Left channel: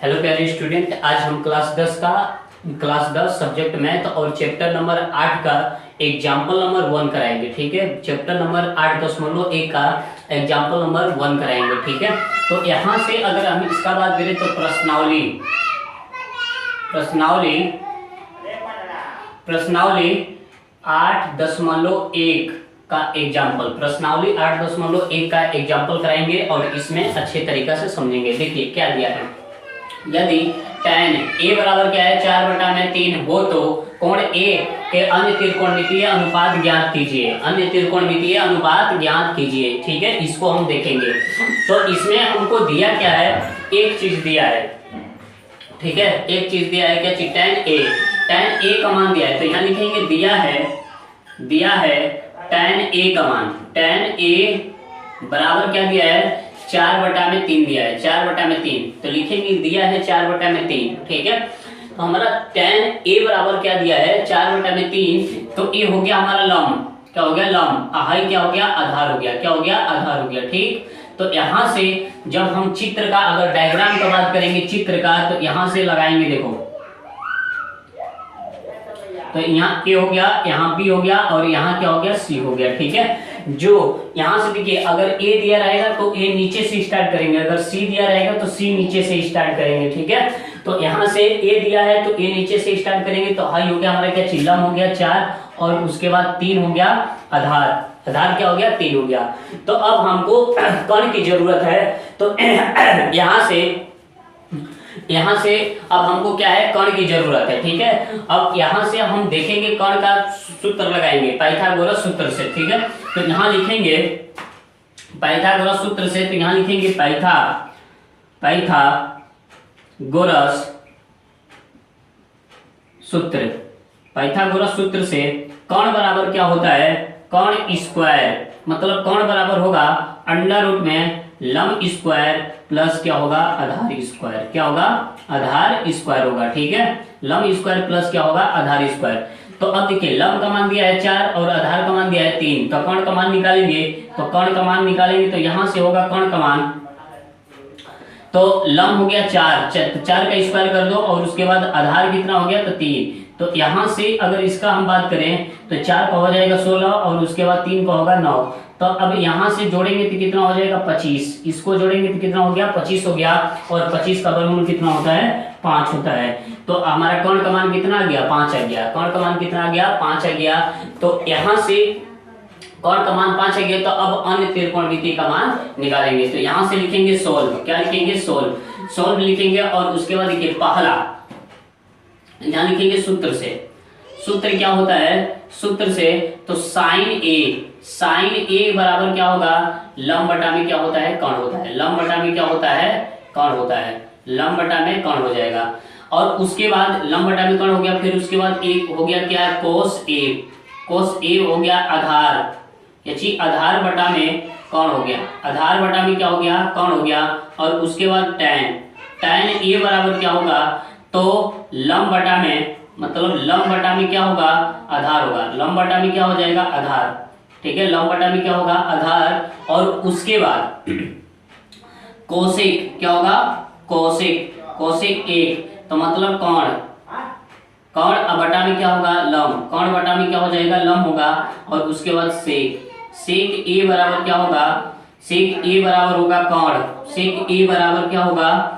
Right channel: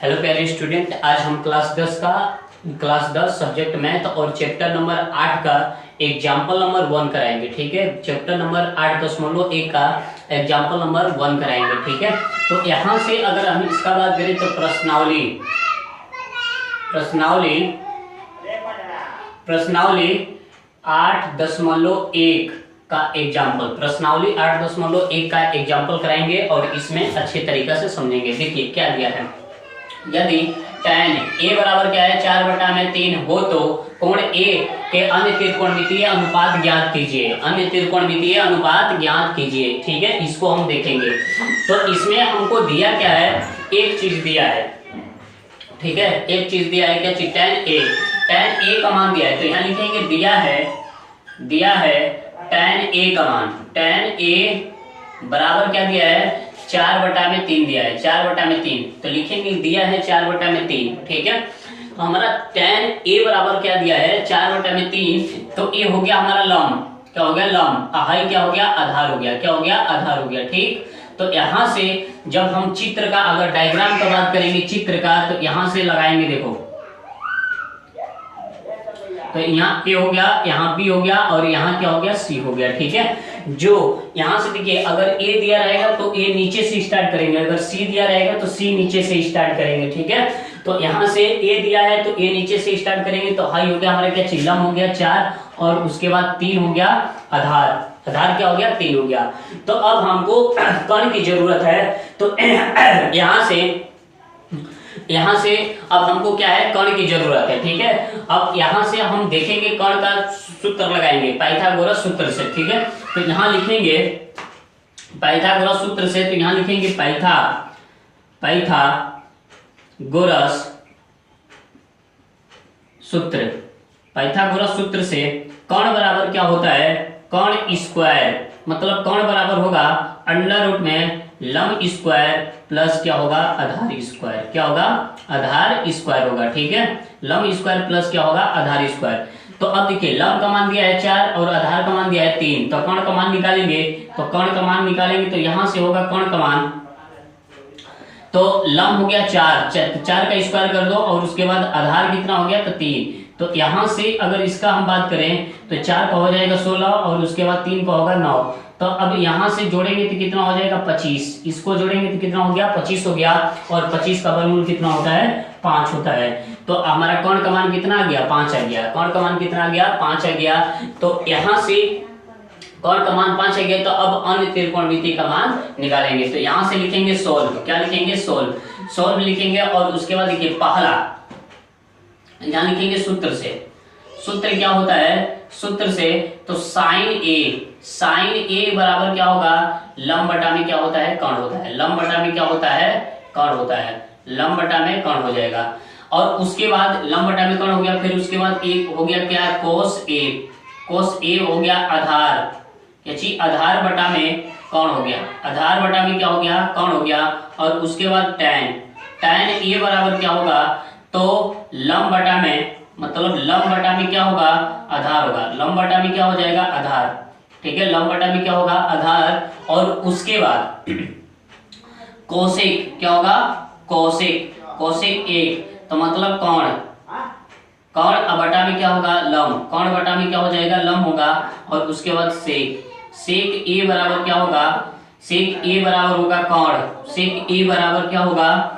Hello प्यारे student, आज हम क्लास 10 सब्जेक्ट मैथ और चैप्टर नंबर 8 का एग्जाम्पल नंबर 1 कराएंगे। ठीक है, चैप्टर नंबर 8.1 का एग्जाम्पल नंबर 1 कराएंगे। ठीक है, तो यहाँ से अगर हम इसका बात करें तो प्रश्नावली प्रश्नावली 8.1 का एग्जाम्पल कराएंगे और इसमें अच्छे तरीका से समझेंगे। देखिए क्या दिया है, यदि tan a बराबर क्या है 4/3 हो तो कोण a के अन्य त्रिकोणमितीय अनुपात ज्ञात कीजिए। ठीक है, इसको हम देखेंगे। तो इसमें हमको दिया क्या है, एक चीज दिया है। ठीक है, एक चीज दिया है, क्या चीज, tan a का मान दिया है। तो यहाँ लिखेंगे दिया है tan a का मान, tan a बराबर क्या दिया है 4/3 दिया है, 4/3। तो लिखेंगे दिया है 4/3। ठीक है, तो हमारा tan a बराबर क्या दिया है 4/3। तो a हो गया हमारा लंब, क्या हो गया लंब, हाई क्या हो गया आधार हो गया, क्या हो गया आधार हो गया। ठीक, तो यहाँ से जब हम चित्र का अगर डायग्राम का बात करेंगे चित्र का, तो यहाँ से लगाएंगे। देखो तो यहाँ A हो गया, यहाँ B हो गया और यहाँ क्या हो गया C हो गया। ठीक है, जो यहाँ से देखिए अगर A दिया रहेगा तो A नीचे से स्टार्ट करेंगे, अगर C दिया रहेगा तो C नीचे से स्टार्ट करेंगे। ठीक है, तो यहाँ से A दिया है तो A नीचे से स्टार्ट करेंगे। तो हाई हो गया हमारा क्या, चिल्लम हो गया 4 और उसके बाद 3 हो गया आधार क्या हो गया 3 हो गया। तो अब हमको कण की जरूरत है। तो यहाँ से अब हमको क्या है, कण की जरूरत है। ठीक है, अब यहाँ से हम देखेंगे कण का सूत्र लगाएंगे पाइथागोरस सूत्र से। ठीक है, तो यहाँ लिखेंगे पाइथागोरस सूत्र से, तो यहाँ लिखेंगे पाइथागोरस सूत्र से कण बराबर क्या होता है, कण स्क्वायर, मतलब कण बराबर होगा अंडर रूट में लंब स्क्वायर प्लस क्या होगा आधार स्क्वायर, क्या होगा आधार स्क्वायर होगा। ठीक है, लंब स्क्वायर प्लस क्या होगा आधार स्क्वायर। तो अब देखिए लंब का मान दिया है 4 और आधार का मान दिया है 3। तो कण का मान निकालेंगे, तो यहां से होगा कण का मान, तो लंब हो गया 4 का स्क्वायर कर दो और उसके बाद आधार कितना हो गया, तो 3। तो यहां से अगर इसका हम बात करें तो 4 का हो जाएगा 16 और उसके बाद 3 का होगा 9। तो अब यहां से जोड़ेंगे तो कितना हो जाएगा 25, इसको जोड़ेंगे तो कितना हो गया 25 हो गया, और 25 का वर्गमूल कितना होता है 5 होता है। तो हमारा कण का मान कितना आ गया 5 आ गया, कण का मान कितना आ गया 5 आ गया। तो यहां से कण का मान 5 आ गया, तो अब अन्य त्रिकोणमिति का मान निकालेंगे। तो यहां से लिखेंगे सोल्व, क्या लिखेंगे सोल्व लिखेंगे और उसके बाद देखिए पहला यहाँ लिखेंगे सूत्र क्या होता है, सूत्र से तो साइन ए बराबर क्या होगा लंब बटा में क्या होता है कण होता है, लंब बटा में क्या होता है कण होता है, लंब बटा में कण हो जाएगा। और उसके बाद लंब बटा में कण हो गया, फिर उसके बाद एक हो गया क्या कोस ए हो गया आधार, आधार बटा में कण हो गया, आधार बटा में क्या हो गया कण हो गया। और उसके बाद tan ए बराबर क्या होगा, तो लंब बटा में, मतलब लंब बटा में क्या होगा आधार होगा, लंब बटा में क्या हो जाएगा आधार। ठीक है, लंब बटा में क्या होगा आधार। और उसके बाद कोसेक क्या होगा, कोसेक 1, तो मतलब कण बटा में क्या होगा लंब, कण बटा में क्या हो जाएगा लंब होगा। और उसके बाद सेक ए बराबर क्या होगा, सेक ए बराबर होगा कण, सेक ए बराबर क्या होगा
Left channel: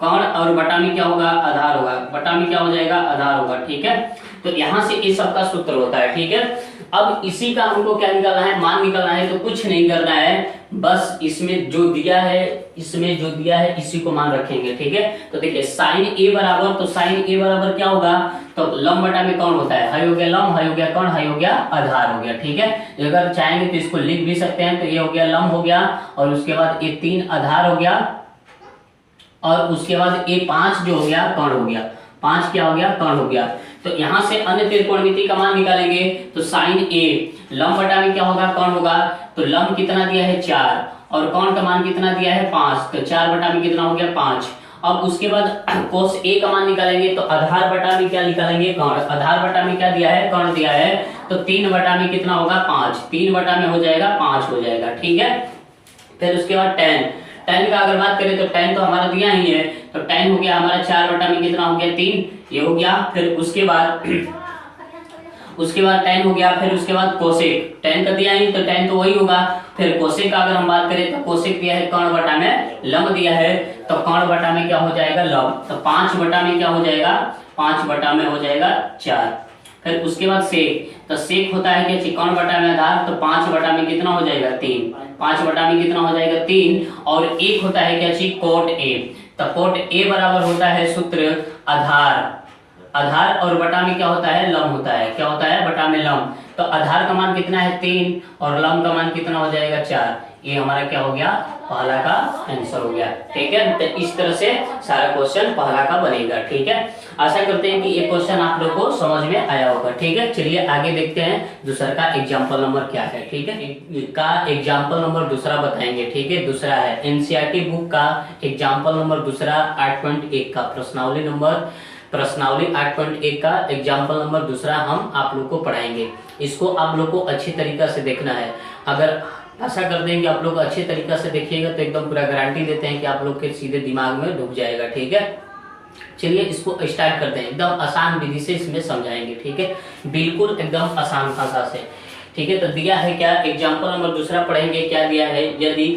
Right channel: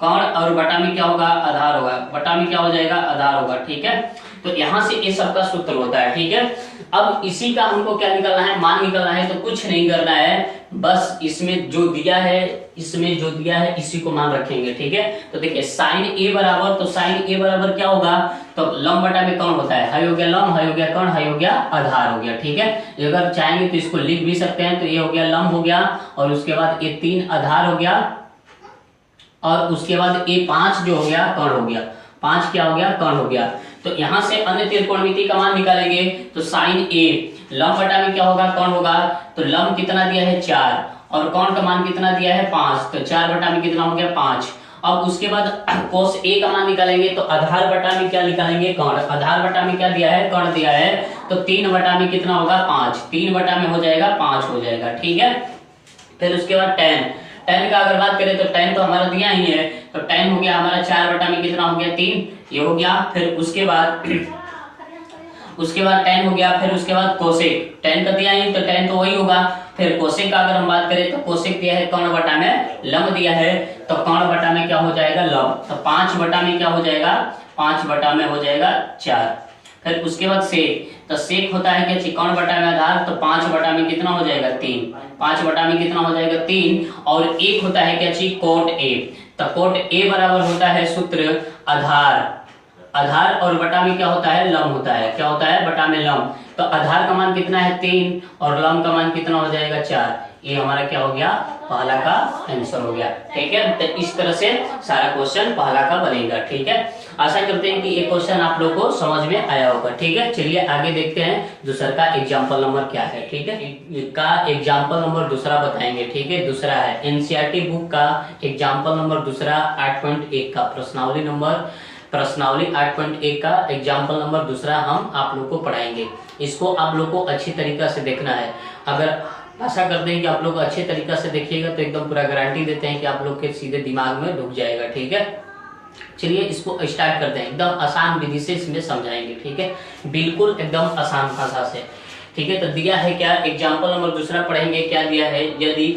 कण और बटा में क्या होगा आधार होगा, बटा में क्या हो जाएगा आधार होगा। ठीक है, तो यहाँ से इस सब का सूत्र होता है। ठीक है, अब इसी का हमको क्या निकालना है, मान निकालना है। तो कुछ नहीं करना है, बस इसमें जो दिया है इसी को मान रखेंगे। ठीक है, तो देखिए साइन ए बराबर क्या होगा, तो लंब बटा में कौन होता है, हाई हो गया लंब, हाई हो गया कौन, हाई हो गया आधार हो गया। ठीक है, अगर चाहेंगे तो इसको लिख भी सकते हैं। तो ये हो गया लंब हो गया और उसके बाद ये 3 आधार हो गया और उसके बाद ये 5 जो हो गया कण हो गया, 5 क्या हो गया कण हो गया। तो यहां से अन्य त्रिकोणमिति का मान निकालेंगे। तो साइन ए लंब बटा में क्या होगा कण होगा, तो लंब कितना दिया है 4 और कण का मान कितना दिया है 5, तो 4 बटा में कितना हो गया 5। अब उसके बाद कोस ए का मान निकालेंगे, तो आधार बटा में क्या निकालेंगे कण, आधार बटा में क्या दिया है कण दिया है, तो 3 बटा में कितना होगा 5, 3 बटा में हो जाएगा 5 हो जाएगा। ठीक है, फिर उसके बाद tan का अगर बात करें तो tan तो हमारा दिया ही है, तो tan हो गया हमारा 4 बटा में कितना हो गया 3, ये हो गया। फिर उसके बाद tan हो गया। फिर उसके बाद कोसेक, tan का दिया ही तो tan तो वही होगा। फिर कोसेक का अगर हम बात करें तो कोसेक दिया है कर्ण बटा में लंब दिया है, तो कर्ण बटा में क्या हो जाएगा लंब, तो 5 बटा में क्या हो जाएगा 5 बटा में हो जाएगा 4। फिर उसके बाद सेक, तो सेक होता है क्या कर्ण बटा में आधार, तो 5 बटा में कितना हो जाएगा 3, 5 बटा में कितना हो जाएगा 3। और एक होता है क्या चीज कोट ए, तो कोट ए बराबर होता है सूत्र आधार और बटा में क्या होता है लंब होता है, क्या होता है बटा में लंब। तो आधार का मान कितना है 3 और लंब का मान कितना हो जाएगा 4। ये हमारा क्या हो गया पहला का आंसर हो गया। ठीक है, तो इस तरह से सारा क्वेश्चन पहला का बनेगा। ठीक है, आशा करते हैं कि ये क्वेश्चन आप लोगों को समझ में आया होगा। ठीक है, चलिए आगे देखते हैं दूसरा का एग्जाम्पल नंबर क्या है। ठीक है, का एग्जाम्पल नंबर दूसरा बताएंगे। ठीक है, दूसरा है एनसीईआरटी बुक का एग्जाम्पल नंबर दूसरा 8.1 का प्रश्नावली 8.1 का एग्जाम्पल नंबर दूसरा हम आप लोग को पढ़ाएंगे। इसको आप लोग को अच्छी तरीका से देखना है। अगर आशा करते हैं कि आप लोग अच्छे तरीका से देखिएगा तो एकदम पूरा गारंटी देते हैं कि आप लोग के सीधे दिमाग में ढुक जाएगा। ठीक है, चलिए इसको स्टार्ट करते हैं। एकदम आसान विधि से इसमें समझाएंगे। ठीक है, बिल्कुल एकदम आसान भाषा से। ठीक है, तो दिया है क्या एग्जाम्पल नंबर दूसरा पढ़ेंगे। क्या दिया है, यदि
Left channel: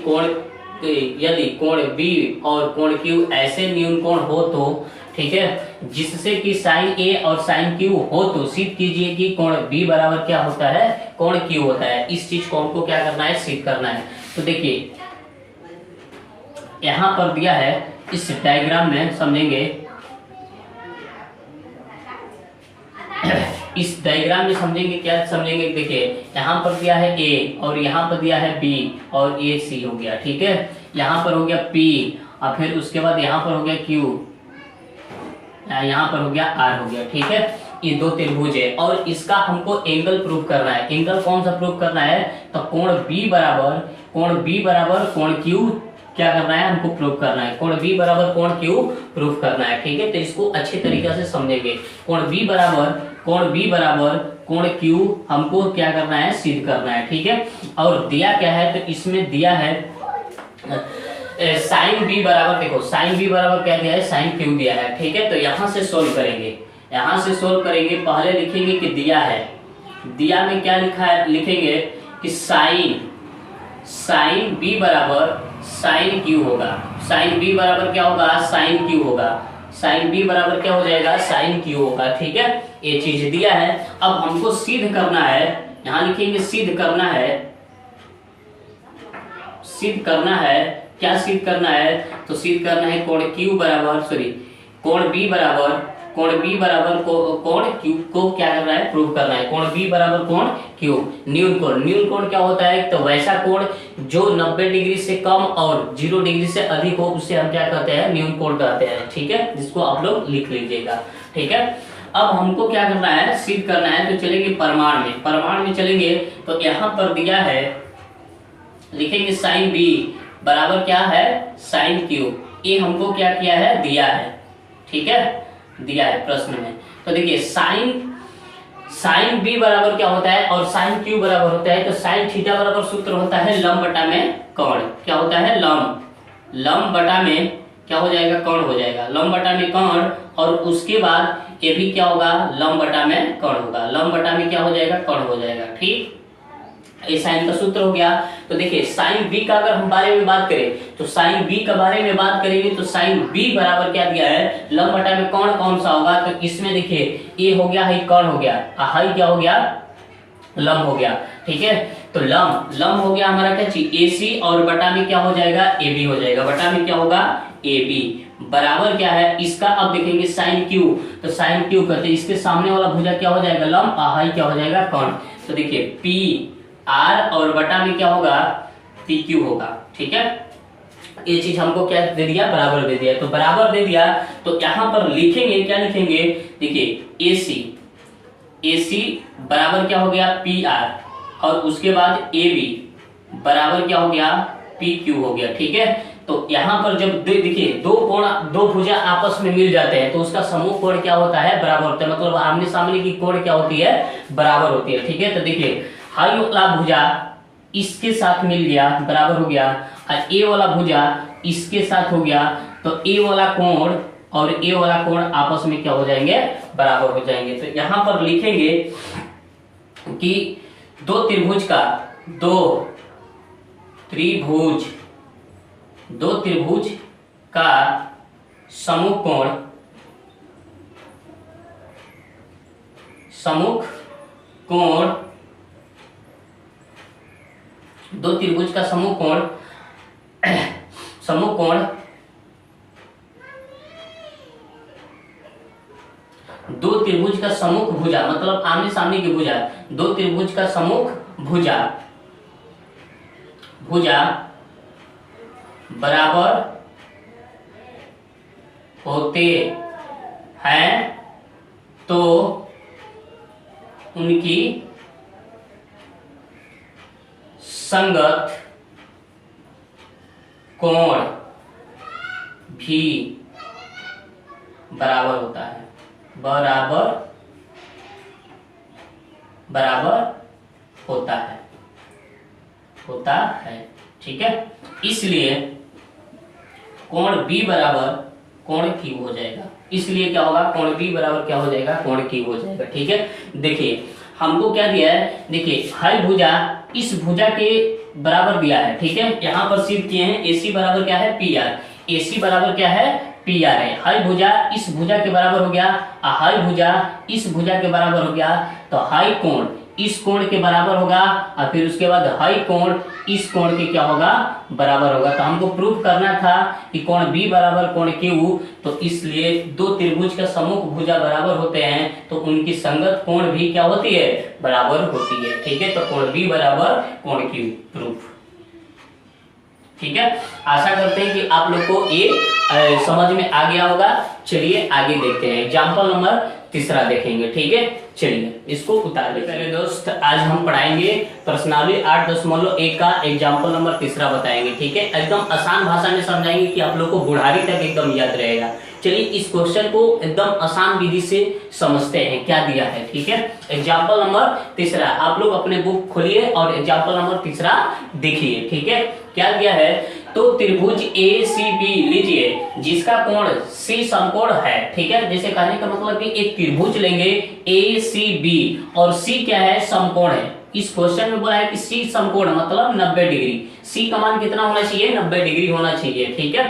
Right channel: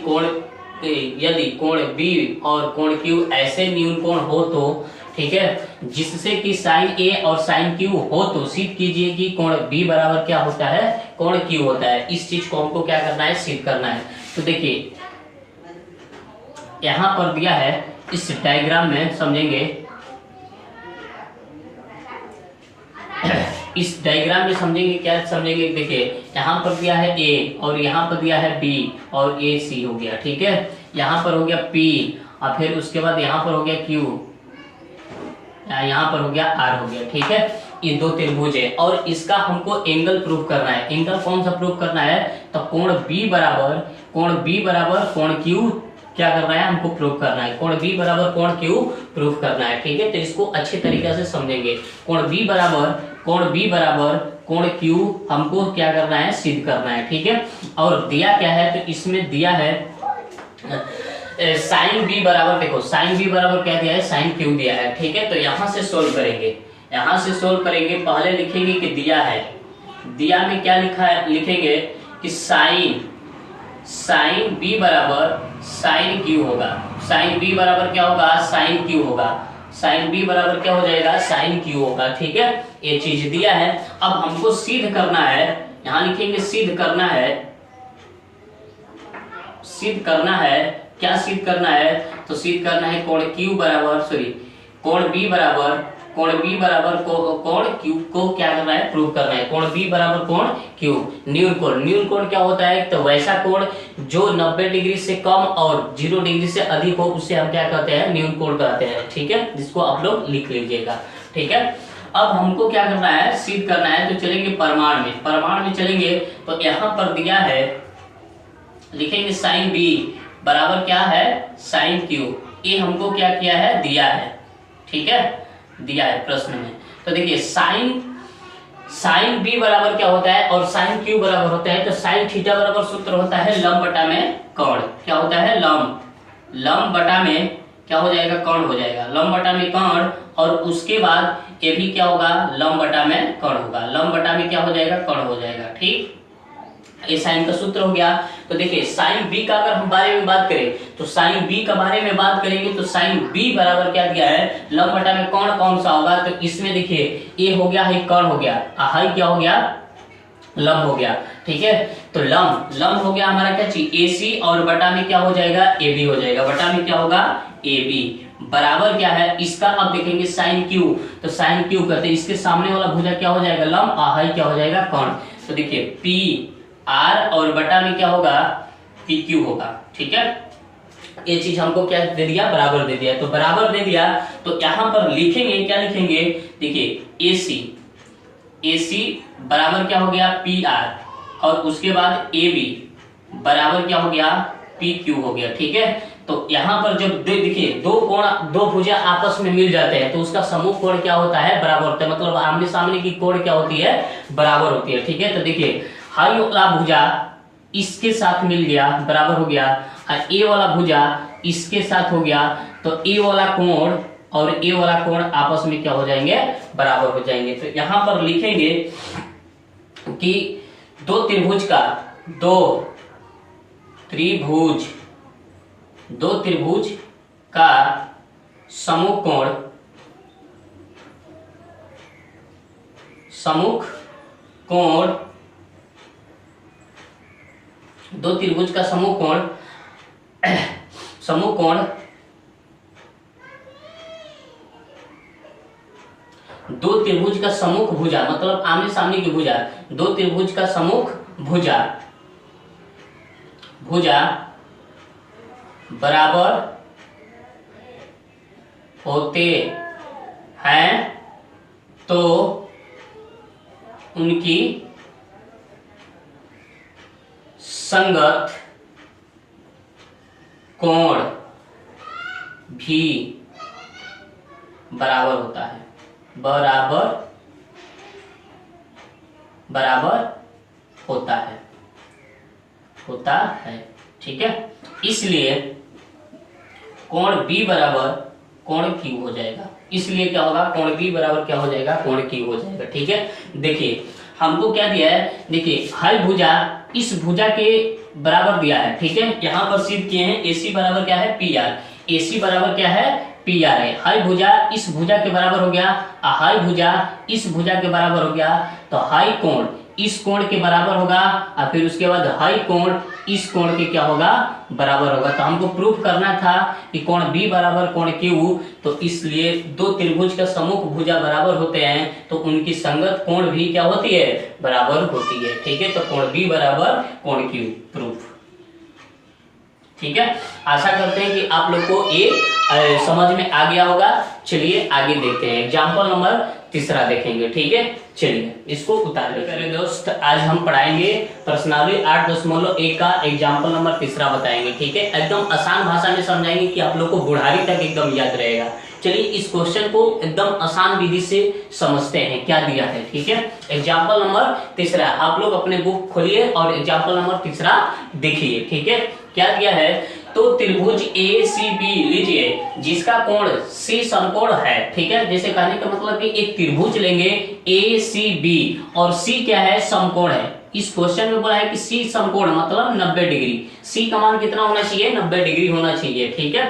कोण बी और कोण क्यू ऐसे न्यून कोण हो तो, ठीक है, जिससे कि साइन ए और साइन क्यू हो तो सिद्ध कीजिए कि कोण बी बराबर क्या होता है कोण क्यू होता है। इस चीज को हमको क्या करना है सिद्ध करना है। तो देखिए यहां पर दिया है, इस डायग्राम में समझेंगे, इस डायग्राम में समझेंगे क्या समझेंगे। देखिए यहाँ पर दिया है ए और यहाँ पर दिया है बी और ए सी हो गया। ठीक है, यहाँ पर हो गया पी और फिर उसके बाद यहाँ पर हो गया क्यू, यहाँ पर हो गया आर हो गया। ठीक है, ये दो त्रिभुज है और इसका हमको एंगल प्रूव करना है। एंगल कौन सा प्रूव करना है, तो कोण बी बराबर कोण क्यू क्या करना है हमको प्रूव करना है। कोण बी बराबर कोण क्यू प्रूव करना है। ठीक है, तो इसको अच्छे तरीके से समझेंगे। कोण बी बराबर कोण क्यू हमको क्या करना है सिद्ध करना है। ठीक है, और दिया क्या है, तो इसमें दिया है साइन बी बराबर, देखो साइन बी बराबर क्या दिया है साइन क्यू दिया है। ठीक है, तो यहां से सोल्व करेंगे, पहले लिखेंगे कि दिया है, दिया में क्या लिखा है, लिखेंगे कि साइन बी बराबर साइन क्यू होगा। साइन बी बराबर क्या होगा साइन क्यू होगा। साइन बी बराबर क्या हो जाएगा साइन क्यू होगा। ठीक है, ये चीज दिया है। अब हमको सिद्ध करना है, यहां लिखेंगे सिद्ध करना है। क्या सिद्ध करना है, तो सिद्ध करना है कोण क्यू बराबर कोण बी बराबर कोण क्यू को क्या करना है प्रूव करना है। कोण बी बराबर कोण क्यू न्यून कोण क्या होता है, तो वैसा कोण जो 90 डिग्री से कम और 0 डिग्री से अधिक हो उसे हम क्या कहते हैं न्यून कोण कहते हैं। ठीक है, जिसको आप लोग लिख लीजिएगा। ठीक है, अब हमको क्या करना है सिद्ध करना है, तो चलेंगे प्रमाण में चलेंगे। तो यहाँ पर दिया है, लिखेंगे साइन बी बराबर क्या है साइन क्यू। ये हमको क्या किया है दिया है। ठीक है, दिया है प्रश्न में। तो देखिए साइन बी बराबर क्या होता है और साइन क्यू बराबर होता है, तो साइन थीटा बराबर सूत्र होता है लंब बटा में कोण। क्या होता है लंब बटा में क्या हो जाएगा कोण हो जाएगा, लंब बटा में कोण। और उसके बाद ये भी क्या होगा लंब बटा में कोण होगा, लंब बटा में क्या हो जाएगा कोण हो जाएगा। ठीक, ये साइन का सूत्र हो गया। तो देखिए साइन बी का अगर हम बारे में बात करें, तो साइन बी के बारे में बात करेंगे तो साइन बी बराबर क्या दिया है लंब बटा में कोण कौन सा होगा, तो इसमें देखिए ए हो गया है कोण हो गया, हाई क्या हो गया लंब हो गया। ठीक है, तो लंब हो गया हमारा क्या चीज एसी और बटा में क्या हो जाएगा ए बी हो जाएगा, बटा में क्या होगा ए बी बराबर क्या है इसका। अब देखेंगे साइन क्यू, तो साइन क्यू कहते हैं इसके सामने वाला भुजा क्या हो जाएगा लंब, हाई क्या हो जाएगा कोण। तो देखिए पी आर और बटा में क्या होगा पी क्यू होगा। ठीक है, ये चीज हमको क्या दे दिया बराबर दे दिया, तो बराबर दे दिया। तो यहां पर लिखेंगे क्या लिखेंगे, देखिए एसी बराबर क्या हो गया पी आर और उसके बाद ए बी बराबर क्या हो गया पी क्यू हो गया। ठीक है, तो यहाँ पर जब देखिए दो भुजा आपस में मिल जाते हैं तो उसका समूह कोण क्या होता है बराबर होता है, मतलब आमने सामने की कोण क्या होती है बराबर होती है। ठीक है, तो देखिए हाई वाला भुजा इसके साथ मिल गया बराबर हो गया और ए वाला भुजा इसके साथ हो गया, तो ए वाला कोण और ए वाला कोण आपस में क्या हो जाएंगे, बराबर हो जाएंगे। तो यहां पर लिखेंगे कि दो त्रिभुज का सम्मुख कोण दो त्रिभुज का सम्मुख कोण दो त्रिभुज का सम्मुख भुजा, मतलब आमने सामने की भुजा, दो त्रिभुज का सम्मुख भुजा बराबर होते हैं तो उनकी संगत कोण भी बराबर होता है, बराबर होता है। ठीक है, इसलिए कोण B बराबर कोण Q हो जाएगा। इसलिए क्या होगा, कोण B बराबर क्या हो जाएगा, कोण Q हो जाएगा। ठीक है, देखिए हमको क्या दिया है, देखिए हर भुजा इस भुजा के बराबर दिया है। ठीक है, यहाँ पर सिद्ध किए हैं AC बराबर क्या है, PR, AC बराबर क्या है, PR है। हाई भुजा इस भुजा के बराबर हो गया, हाई भुजा इस भुजा के बराबर हो गया, तो हाई कोण इस कोण के बराबर होगा, और फिर उसके बाद हाई कोण इस कोण के क्या होगा, बराबर होगा। तो हमको प्रूफ करना था कि कोण B बराबर कोण Q, तो इसलिए दो त्रिभुज का सम्मुख भुजा बराबर होते हैं तो उनकी संगत कोण भी क्या होती है, बराबर होती है। ठीक है, तो कोण B बराबर कोण Q प्रूफ। ठीक है, आशा करते हैं कि आप लोग को ये समझ में आ गया होगा। चलिए आगे देखते हैं, एग्जाम्पल नंबर 3 देखेंगे। ठीक है, चलिए इसको उतार लेते हैं दोस्त। आज हम पढ़ाएंगे प्रश्नावली 8.1 का एग्जाम्पल नंबर 3 बताएंगे। ठीक है, एकदम आसान भाषा में समझाएंगे कि आप लोग को बुढ़ारी तक एकदम याद रहेगा। चलिए इस क्वेश्चन को एकदम आसान विधि से समझते हैं क्या दिया है। ठीक है, एग्जाम्पल नंबर 3 आप लोग अपने बुक खोलिए और एग्जाम्पल नंबर 3 देखिए। ठीक है, क्या दिया है, तो त्रिभुज ACB लीजिए जिसका कोण C समकोण है। ठीक है, जैसे कहने का मतलब कि एक त्रिभुज लेंगे ACB और C क्या है, समकोण है। इस क्वेश्चन में बोला है कि C समकोण मतलब 90 डिग्री, C का मान कितना होना चाहिए, 90 डिग्री होना चाहिए। ठीक है,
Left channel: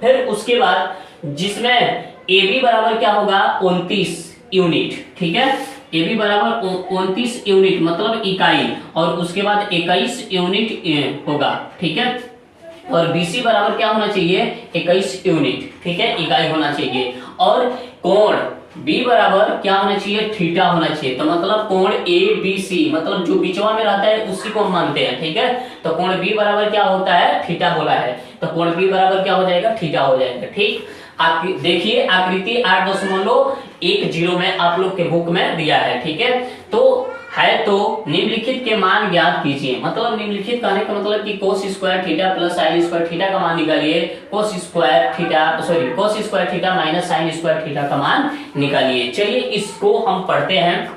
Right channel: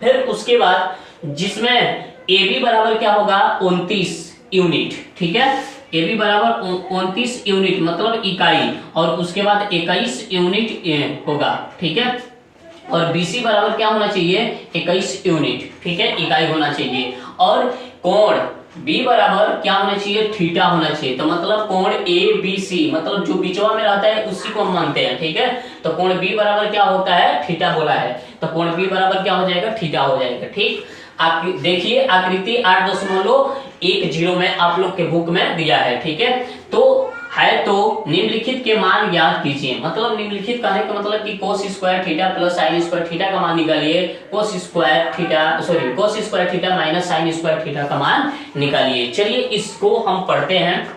फिर उसके बाद जिसमें AB बराबर क्या होगा, 29 यूनिट। ठीक है, AB बराबर 29 यूनिट मतलब इकाई, और उसके बाद 21 यूनिट होगा। ठीक है, और BC बराबर क्या होना चाहिए, 21 यूनिट। ठीक है, इकाई होना चाहिए, और कोण B बराबर क्या होना चाहिए, थीटा होना चाहिए। तो मतलब कोण ABC मतलब जो बीचवा में रहता है उसी को हम मानते हैं। ठीक है, तो कोण B बराबर क्या होता है, थीटा बोला है, तो कोण B बराबर क्या हो जाएगा, थीटा हो जाएगा। ठीक, देखिए आकृति 8.10 में आप लोग के बुक में दिया है। ठीक है, तो निम्नलिखित के मान ज्ञात कीजिए। मतलब निम्नलिखित कहने का मतलब कि cos square theta plus sin square theta का मान निकालिए, cos square theta minus sin square theta का मान निकालिए। चलिए इसको हम पढ़ते हैं,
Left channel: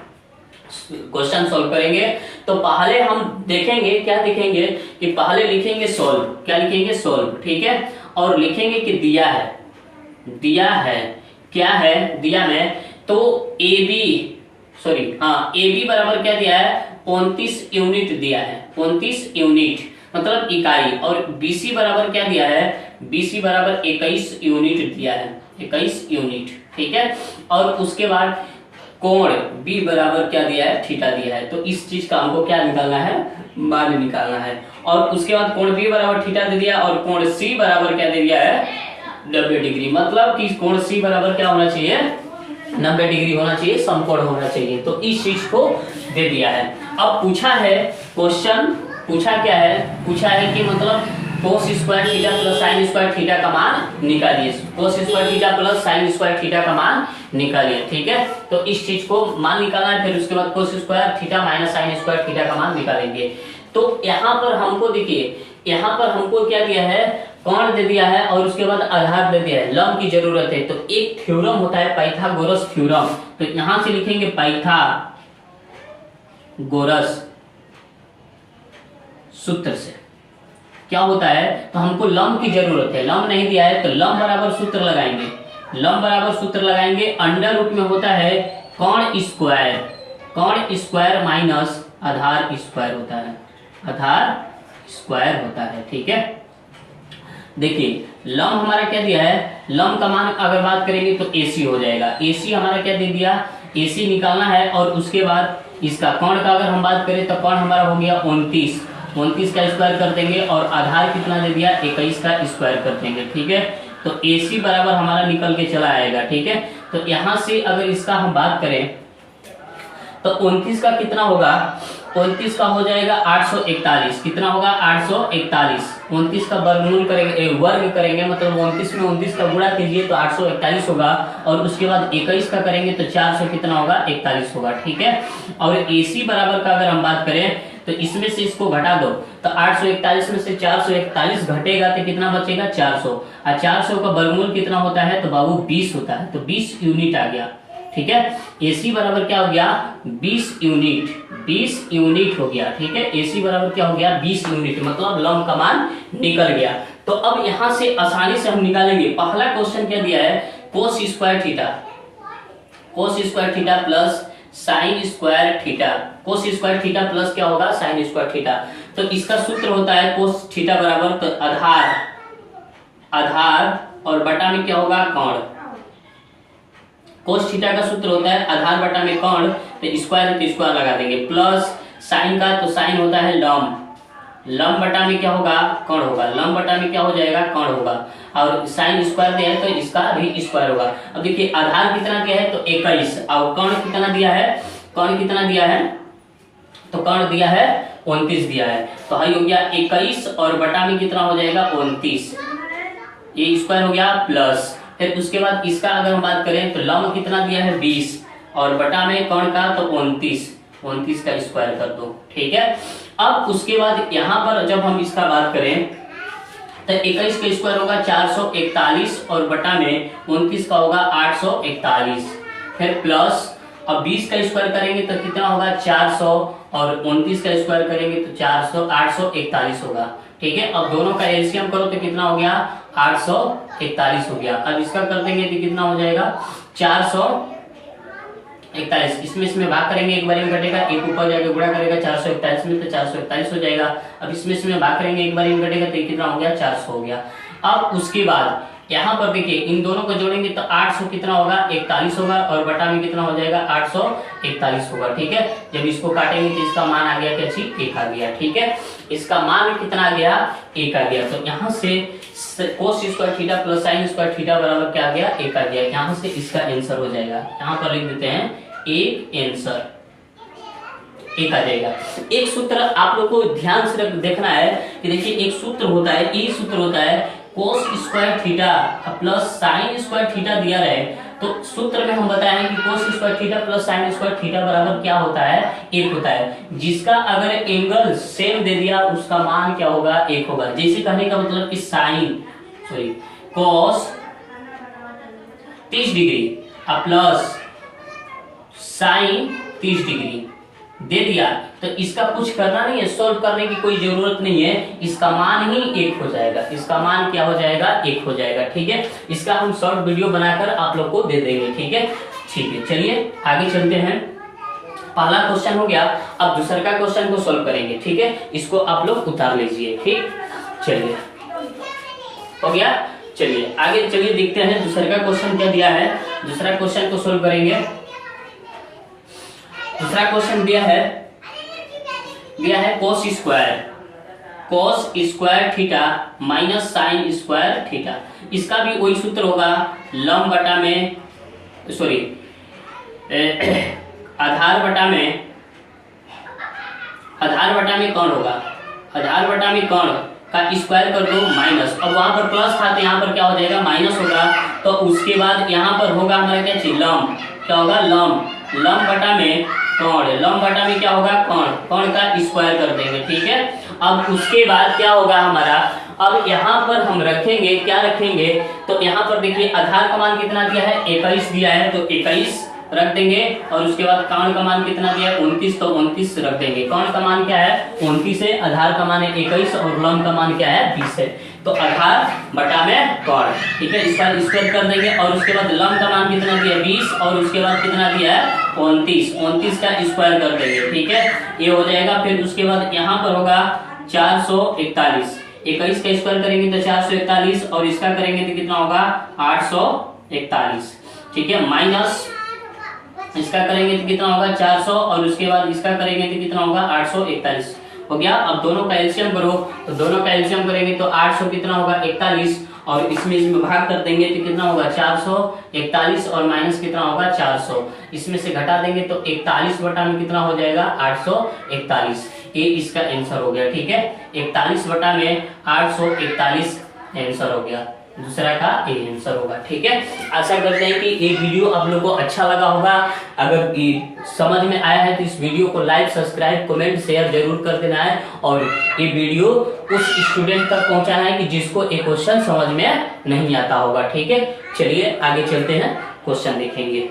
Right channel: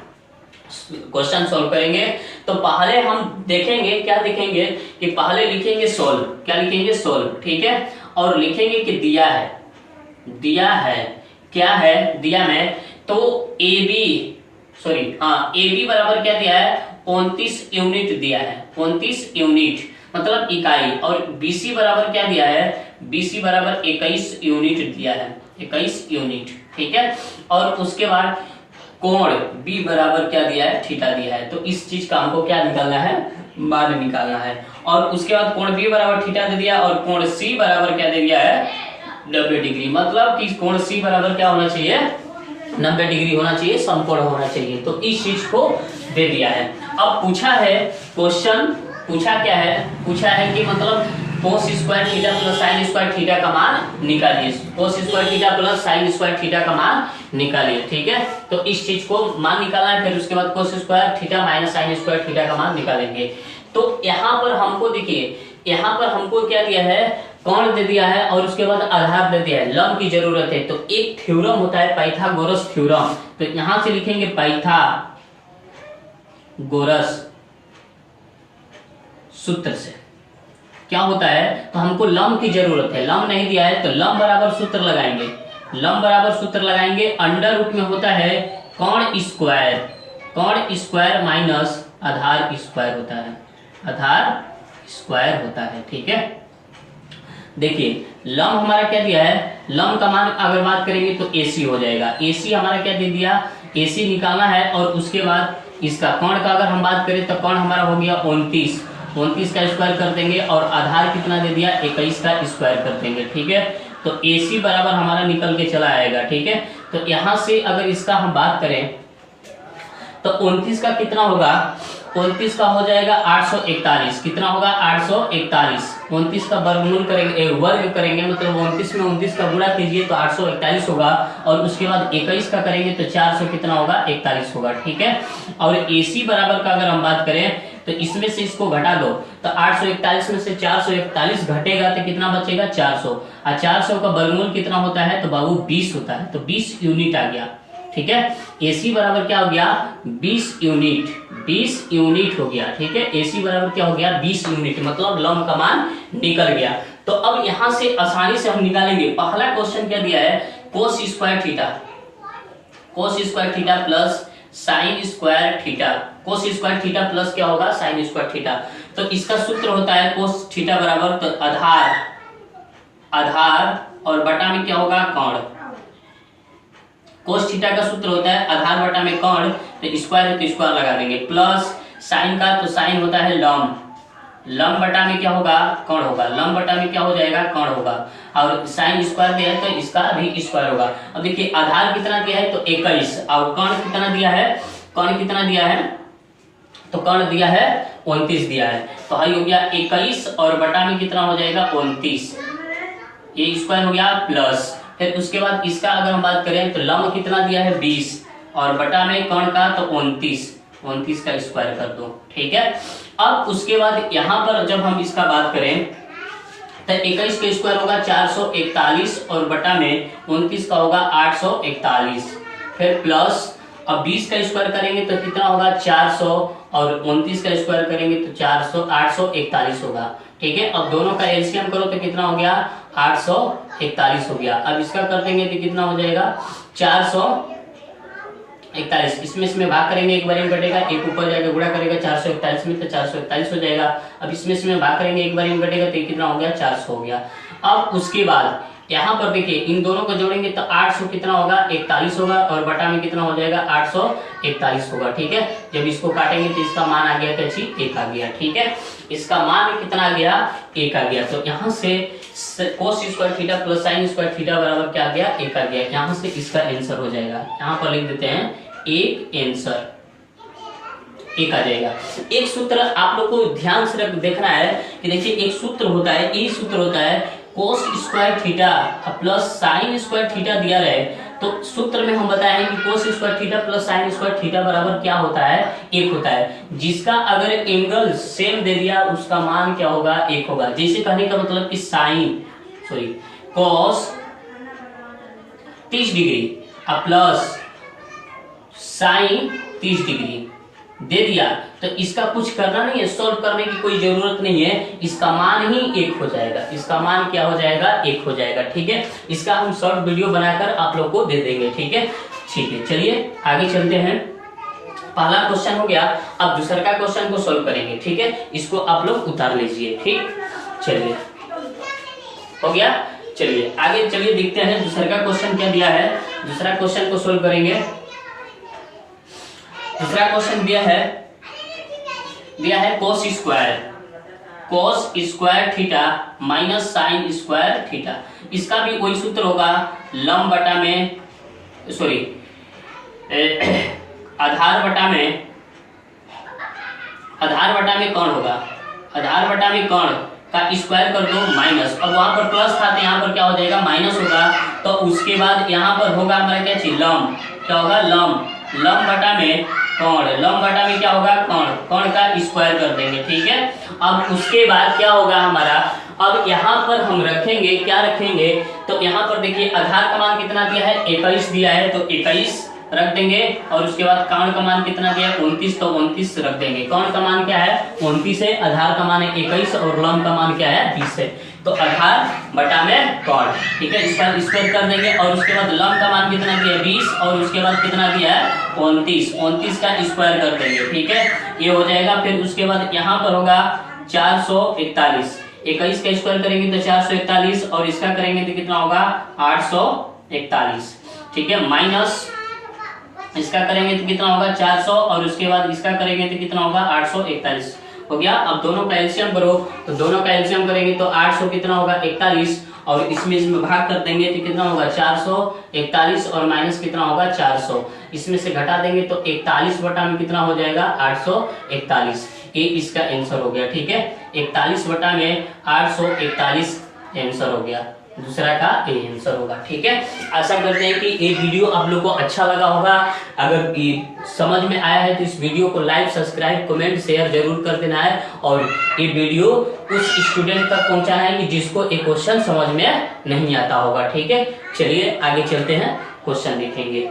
क्वेश्चन सॉल्व करेंगे। तो पहले हम देखेंगे, क्या देखेंगे कि पहले लिखेंगे सोल्व, क्या लिखेंगे, सोल्व। ठीक है, और लिखेंगे कि दिया है क्या है, दिया में तो AB बराबर क्या दिया है, 29 यूनिट दिया है, 29 यूनिट मतलब इकाई, और BC बराबर क्या दिया है, BC बराबर 21 यूनिट दिया है, 21 यूनिट। ठीक है, और उसके बाद कोण B बराबर क्या दिया है, थीटा दिया है। तो इस चीज का हमको क्या निकालना है, मान निकालना है। और उसके बाद कोण B बराबर थीटा दे दिया, और कोण C बराबर क्या दे दिया है, 90 डिग्री। मतलब कि कोण C बराबर क्या होना चाहिए, 90 डिग्री होना चाहिए, समकोण होना चाहिए। तो इस चीज को दे दिया है। अब पूछा है क्वेश्चन, पूछा क्या है, पूछा है कि मतलब cos square theta plus sin square theta का मान निकालिए, cos square theta plus sin square theta का मान निकालिए। ठीक है, तो इस चीज को मान निकालना है, फिर उसके बाद cos square theta minus sin square theta का मान निकालेंगे। तो यहाँ पर हमको देखिए, यहाँ पर हमको क्या दिया है, कोण दे दिया है, और उसके बाद आधार दे दिया है, लंब की जरूरत है। तो एक थ्योरम होता है पाइथागोरस थ्योरम, तो यहां से लिखेंगे पाइथागोरस सूत्र से। क्या होता है, तो हमको लंब की जरूरत है, लंब नहीं दिया है तो लंब बराबर सूत्र लगाएंगे, लंब बराबर सूत्र लगाएंगे, अंडर रूट में होता है कौण स्क्वायर, कौण स्क्वायर माइनस आधार स्क्वायर होता है, आधार स्क्वायर होता है। ठीक है, देखिए लंब हमारा क्या दिया है, लंब का मान अगर बात करेंगे तो AC हो जाएगा, AC हमारा क्या दे दिया, AC निकालना है, और उसके बाद इसका कौण का अगर हम बात करें तो कौण हमारा हो गया 29, 29 का स्क्वायर कर देंगे, और आधार कितना दे दिया 21 का स्क्वायर कर देंगे। ठीक है, तो AC बराबर हमारा निकल के चला आएगा। ठीक है, तो यहां से अगर इसका हम बात करें तो 29 का कितना होगा, 29 का हो जाएगा 841, कितना होगा 841, 29 का वर्गमूल करेंगे, वर्ग करेंगे, मतलब 29 में 29 का गुणा कीजिए तो 841 होगा, और उसके बाद 21 का करेंगे तो 400 कितना होगा 41 होगा। ठीक है, और AC बराबर का अगर हम बात करें तो इसमें से इसको घटा दो, तो 841 में से 441 घटेगा तो कितना बचेगा 400, और 400 का वर्गमूल कितना होता है तो बाबू 20 होता है, तो 20 यूनिट आ गया। ठीक है, AC बराबर क्या हो गया 20 यूनिट, 20 यूनिट हो गया। ठीक है, AC बराबर क्या हो गया 20 यूनिट, मतलब लंब का मान निकल गया। तो अब यहां से आसानी से हम निकालेंगे, पहला क्वेश्चन क्या दिया है, cos square theta, cos square theta plus sine square theta, cos square theta plus क्या होगा साइन स्क्वायर थीटा, तो इसका सूत्र होता है कोस थीटा बराबर तो आधार, आधार और बटा में क्या होगा कौण, कोस थीटा का सूत्र होता है आधार बटा में कौण, तो स्क्वायर तो स्क्वायर लगा देंगे, प्लस साइन का तो साइन होता है लंब, लंब बटा में क्या होगा कौण होगा, लंब बटा में क्या हो जाएगा कौण होगा, और साइन स्क्वायर दिया है तो इसका भी स्क्वायर होगा। अब देखिए आधार कितना दिया है तो 21, और कौण कितना दिया है, कौण कितना दिया है तो कौण दिया है 29 दिया है, तो हाई हो गया 21 और बटा में कितना हो जाएगा 29, ये स्क्वायर हो गया, प्लस फिर उसके बाद इसका अगर हम बात करें तो लंब कितना दिया है 20 और बटा में कौण का तो 29, 29 का स्क्वायर कर दो। ठीक है, अब उसके बाद यहाँ पर जब हम इसका बात करें तो 21 का स्क्वायर होगा 441 और बटा में 29 का होगा 841, फिर प्लस अब 20 का स्क्वायर करेंगे तो कितना होगा 400 और 29 का स्क्वायर करेंगे तो 400 841 होगा। ठीक है, अब दोनों का एलसीएम करो तो कितना हो गया 841 हो गया। अब इसका कर देंगे तो कितना हो जाएगा 441, इसमें भाग करेंगे एक बार में घटेगा, एक ऊपर जाकर गुणा करेगा 441 में तो 441 हो जाएगा। अब इसमें भाग करेंगे एक बार में घटेगा तो कितना हो गया 400 हो गया। अब उसके बाद यहाँ पर देखिए इन दोनों को जोड़ेंगे तो 800 कितना होगा 41 होगा और बटा में कितना हो जाएगा 841 होगा। ठीक है, जब इसको काटेंगे तो इसका मान आ गया क्या चीज 1 आ गया। ठीक है, इसका मान कितना आ गया 1 आ गया। तो यहाँ से cos square theta plus sine square theta बराबर क्या आ गया 1 आ गया। यहाँ से इसका आंसर हो जाएगा, यहाँ पर लिख देते हैं 1 आंसर 1 आ जाएगा। एक सूत्र आप लोग को ध्यान से देखना है कि देखिए एक सूत्र होता है, ये सूत्र होता है cos square theta plus sine square theta दिया रहे तो सूत्र में हम बताएं कि cos square theta plus sine square theta बराबर क्या होता है 1 होता है। जिसका अगर एंगल सेम दे दिया उसका मान क्या होगा 1 होगा। जैसे कहने का मतलब कि कोस 30 डिग्री प्लस साइन 30 डिग्री दे दिया तो इसका कुछ करना नहीं है, सॉल्व करने की कोई जरूरत नहीं है, इसका मान ही 1 हो जाएगा। इसका मान क्या हो जाएगा 1 हो जाएगा। ठीक है, इसका हम शॉर्ट वीडियो बनाकर आप लोग को दे देंगे। ठीक है, चलिए आगे चलते हैं। पहला क्वेश्चन हो गया, अब दूसरा का क्वेश्चन को सॉल्व करेंगे। ठीक है, इसको आप लोग उतार लीजिए। ठीक, चलिए हो गया। चलिए आगे चलिए देखते हैं दूसरा का क्वेश्चन क्या दिया है। दूसरा क्वेश्चन को सॉल्व करेंगे। दूसरा क्वेश्चन दिया है cos square theta minus sine square theta. इसका भी वही सूत्र होगा लंब बटा में आधार बटा में कौन होगा, आधार बटा में कौन का स्क्वायर कर दो माइनस, अब वहां पर प्लस था तो यहाँ पर क्या हो जाएगा माइनस होगा। तो उसके बाद यहाँ पर होगा हमारा क्या चीज लंब, क्या होगा लंब बटा में कौन, लंब बटा में क्या होगा कौन का स्क्वायर कर देंगे। ठीक है, अब उसके बाद क्या होगा हमारा, अब यहाँ पर हम क्या रखेंगे तो यहाँ पर देखिए आधार का मान कितना दिया है 21 दिया है तो 21 रख देंगे और उसके बाद कौन का मान कितना दिया है 29, तो 29 रख देंगे। कौन का मान क्या है 29 है, आधार का मान है 21 और लम का मान क्या है 20 है, तो 18 बटा में कौन, ठीक है। इसका स्क्वायर कर देंगे और उसके बाद लम का मान कितना दिया है 20 और उसके बाद कितना दिया है 29, 29 का स्क्वायर कर देंगे, ठीक है, ये हो जाएगा। फिर उसके बाद यहाँ पर होगा 441, 21 का स्क्वायर करेंगे तो 441 और इसका करेंगे तो कितना होगा 841, ठीक है, माइनस इसका करेंगे तो कितना होगा 400 और उसके बाद इसका करेंगे तो कितना होगा 841 हो गया। अब दोनों का एलसीएम करो, तो दोनों का एलसीएम करेंगे तो 800 कितना होगा 41 और इसमें भाग कर देंगे तो कितना होगा 441 और माइनस कितना होगा 400, इसमें से घटा देंगे तो 41 बटा में कितना हो जाएगा 841, ये इसका आंसर हो गया, ठीक है। 41 बटा में 841 आंसर हो गया, दूसरा का ए आंसर होगा, ठीक है। आशा करते हैं कि ये वीडियो आप लोगों को अच्छा लगा होगा। अगर समझ में आया है तो इस वीडियो को लाइक, सब्सक्राइब, कमेंट, शेयर जरूर कर देना है और ये वीडियो उस स्टूडेंट तक पहुंचाना है कि जिसको एक क्वेश्चन समझ में नहीं आता होगा, ठीक है। चलिए आगे चलते हैं, क्वेश्चन देखेंगे।